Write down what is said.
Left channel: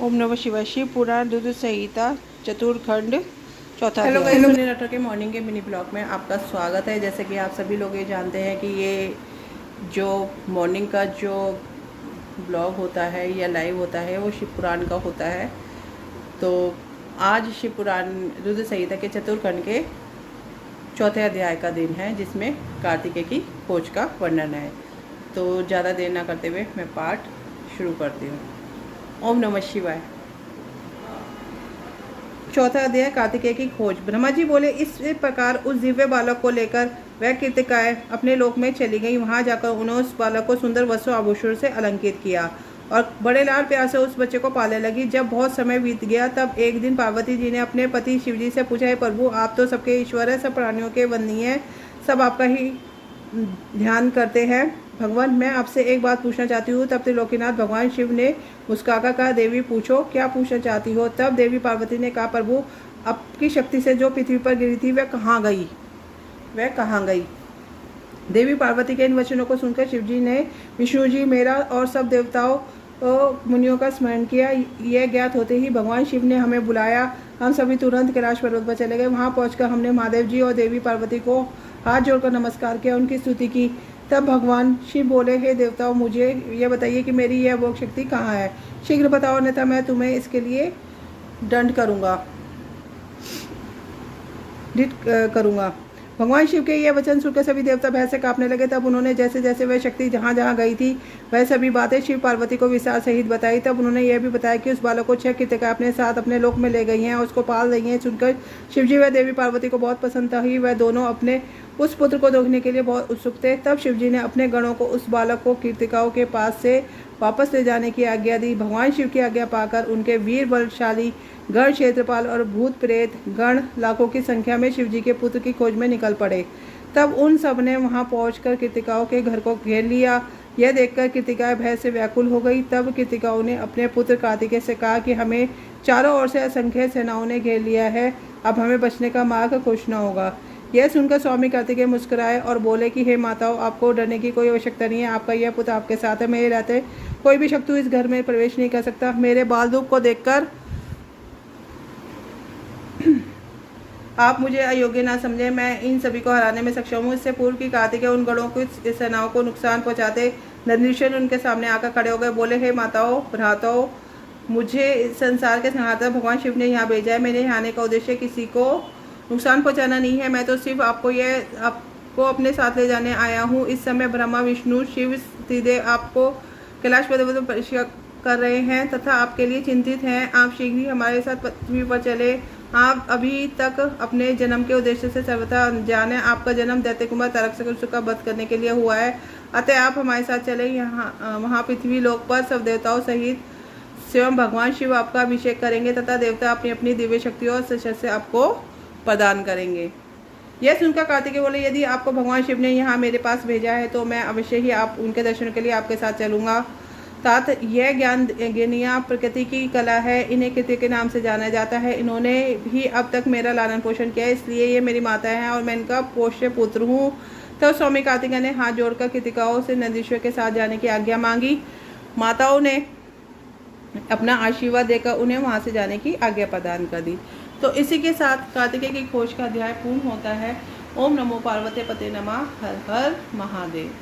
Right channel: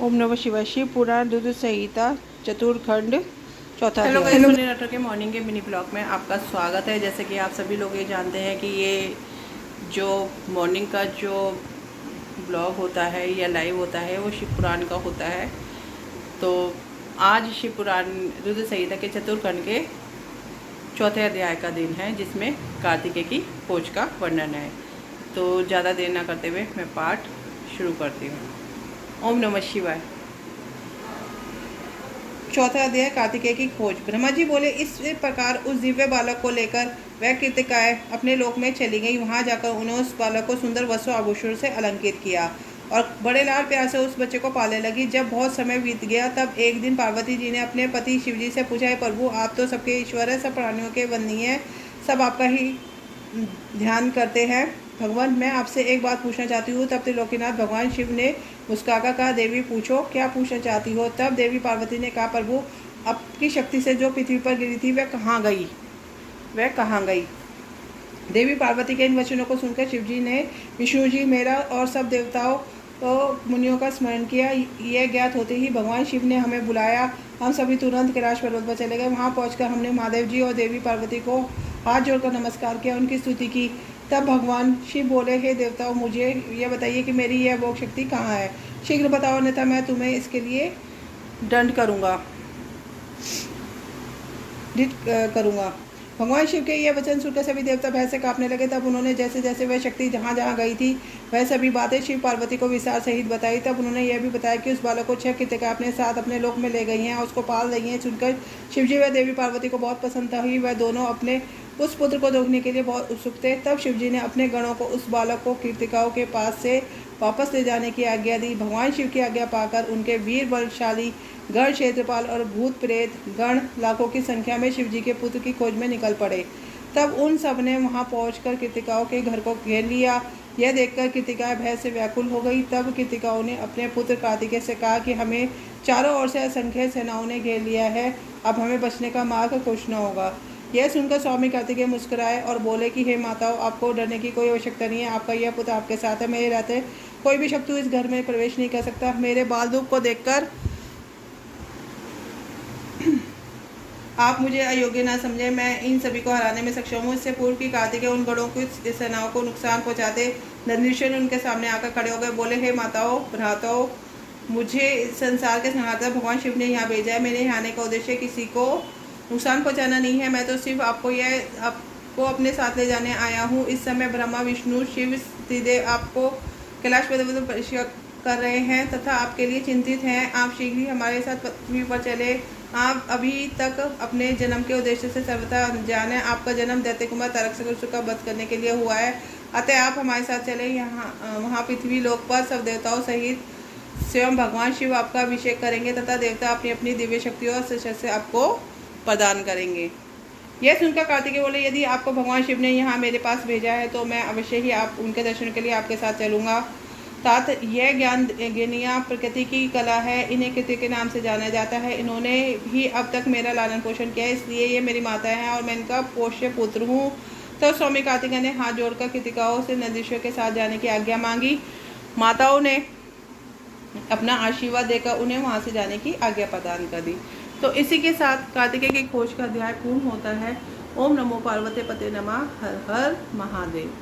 ओम नमः शिवाय। शिव पुराण रुद्र संहिता चतुर्थखंड चौथा हेलो अध्याय। हेलो नटर के मॉर्निंग के मिनी ब्लॉग में आपका स्वागत है। जैसे कि आप सभी लोग ये जानते हैं कि ये जो मॉर्निंग का जो ब्लॉग होता है या लाइव होता है वो शिव पुराण का होता है। तो आज शिव पुराण रुद्र संहिता के चतुर्थखंड के चौथे अध्याय का दिन है, जिसमें कार्तिकेय की खोज का वर्णन है। तो ज़्यादा देर ना करते हुए मैं पाठ शुरू करती हूँ। ओम नमः शिवाय। चौथा अध्याय कार्तिकेय की खोज। ब्रह्मा जी बोले, इस प्रकार उस दिव्य बालक को लेकर वह कृतिकाएं अपने लोक में चली गई। वहां जाकर उन्होंने उस बालक को सुंदर वस्त्र आभूषण से अलंकृत किया और बड़े लाल प्यार से उस बच्चे को पालने लगी। जब बहुत समय बीत गया, तब एक दिन पार्वती जी ने अपने पति शिवजी से पूछा, है प्रभु, आप तो सबके ईश्वर है, सब प्राणियों के वंदनीय है, सब आपका ही ध्यान करते हैं। भगवान, मैं आपसे एक बात पूछना चाहती हूँ। तब त्रिलोकीनाथ भगवान शिव ने मुस्कुराकर कहा, देवी पूछो, क्या पूछना चाहती हो। तब देवी पार्वती ने कहा, प्रभु, आपकी शक्ति से जो पृथ्वी पर गिरी थी वह कहाँ गई, वह कहाँ गई। देवी पार्वती के इन वचनों को सुनकर शिवजी ने विष्णु जी, मेरा और सब देवताओं मुनियों का स्मरण किया। यह ज्ञात होते ही भगवान शिव ने हमें बुलाया। हम सभी तुरंत कैलाश पर्वत पर चले गए। वहां पहुंचकर हमने महादेव जी और देवी पार्वती को हाथ जोड़कर नमस्कार किया, उनकी स्तुति की। तब भगवान शिव बोले, हे देवताओं, मुझे यह बताइए कि मेरी यह भोग शक्ति कहाँ है। शीघ्र बताओ, अन्यथा मैं तुम्हें इसके लिए दंड करूँगा। भगवान शिव के यह वचन सुनकर सभी देवता भय से कांपने लगे। तब उन्होंने जैसे जैसे वह शक्ति जहाँ जहाँ गई थी वह सभी बातें शिव पार्वती को विस्तार सहित बताई। तब उन्होंने यह भी बताया कि उस बालक को 6 कृतिकाएं अपने साथ अपने लोक में ले गई हैं और उसको पाल रही हैं। सुनकर शिवजी व देवी पार्वती को बहुत प्रसन्नता हुई। वह दोनों अपने उस पुत्र को देखने के लिए बहुत उत्सुक थे। तब शिवजी ने अपने गणों को उस बालक को कृतिकाओं के पास से वापस ले जाने की आज्ञा दी। भगवान शिव की आज्ञा पाकर उनके वीर बलशाली गण, क्षेत्रपाल और भूत प्रेत गण लाखों की संख्या में शिवजी के पुत्र की खोज में निकल पड़े। तब उन सब ने वहां पहुंचकर कृतिकाओं के घर को घेर लिया। यह देखकर कृतिकाएं भय से व्याकुल हो गई। तब कृतिकाओं ने अपने पुत्र कार्तिकेय से कहा कि हमें चारों ओर से असंख्य सेनाओं ने घेर लिया है, अब हमें बचने का मार्ग खोजना होगा। यह सुनकर स्वामी कार्तिकेय मुस्कुराए और बोले कि हे माताओं, आपको डरने की कोई आवश्यकता नहीं है। आपका यह पुत्र आपके साथ है, मेरे रहते कोई भी शत्रु इस घर में प्रवेश नहीं कर सकता। मेरे बाल रूप को देखकर आप मुझे अयोग्य ना समझे, मैं इन सभी को हराने में सक्षम हूँ। इससे पूर्व की कार्तिकेय उन गणों की सेनाओं को नुकसान पहुंचाते नंदीश्वर उनके सामने आकर खड़े हो गए। बोले, हे माताओं, भ्राताओं, मुझे संसार के संहारता भगवान शिव ने यहाँ भेजा है। मेरे यहाँ आने का उद्देश्य किसी को नुकसान पहुँचाना नहीं है। मैं तो सिर्फ आपको अपने साथ ले जाने आया हूँ। इस समय ब्रह्मा, विष्णु, शिव त्रिदेव आपको कैलाश पर्वत पर परीक्षा कर रहे हैं तथा आपके लिए चिंतित हैं। आप शीघ्र ही हमारे साथ पृथ्वी पर चले। आप अभी तक अपने जन्म के उद्देश्य से सर्वथा अनजान है। आपका जन्म दैत्य कुमार तारकासुर का वध करने के लिए हुआ है, अतः आप हमारे साथ चले। वहाँ पृथ्वी लोक पर सब देवताओं सहित स्वयं भगवान शिव आपका अभिषेक करेंगे तथा देवता अपनी अपनी दिव्य शक्तियों और शस्त्र आपको प्रदान करेंगे। यह सुनकर कार्तिकेय बोले, यदि आपको भगवान शिव ने यहाँ मेरे पास भेजा है तो मैं अवश्य ही आप उनके दर्शन के लिए आपके साथ चलूंगा। तात यह ज्ञानिया प्रकृति की कला है, इन्हें कृति के नाम से जाना जाता है। इन्होंने ही अब तक मेरा लालन पोषण किया है, इसलिए ये मेरी माता है और मैं इनका पोष्य पुत्र हूँ। तो स्वामी कार्तिकेय ने हाथ जोड़कर कृतिकाओं से नंदीश्वर के साथ जाने की आज्ञा मांगी। माताओं ने अपना आशीर्वाद देकर उन्हें वहां से जाने की आज्ञा प्रदान कर दी। तो इसी के साथ कार्तिकेय की खोज का अध्याय पूर्ण होता है। ओम नमो पार्वती पते नमः। हर हर महादेव।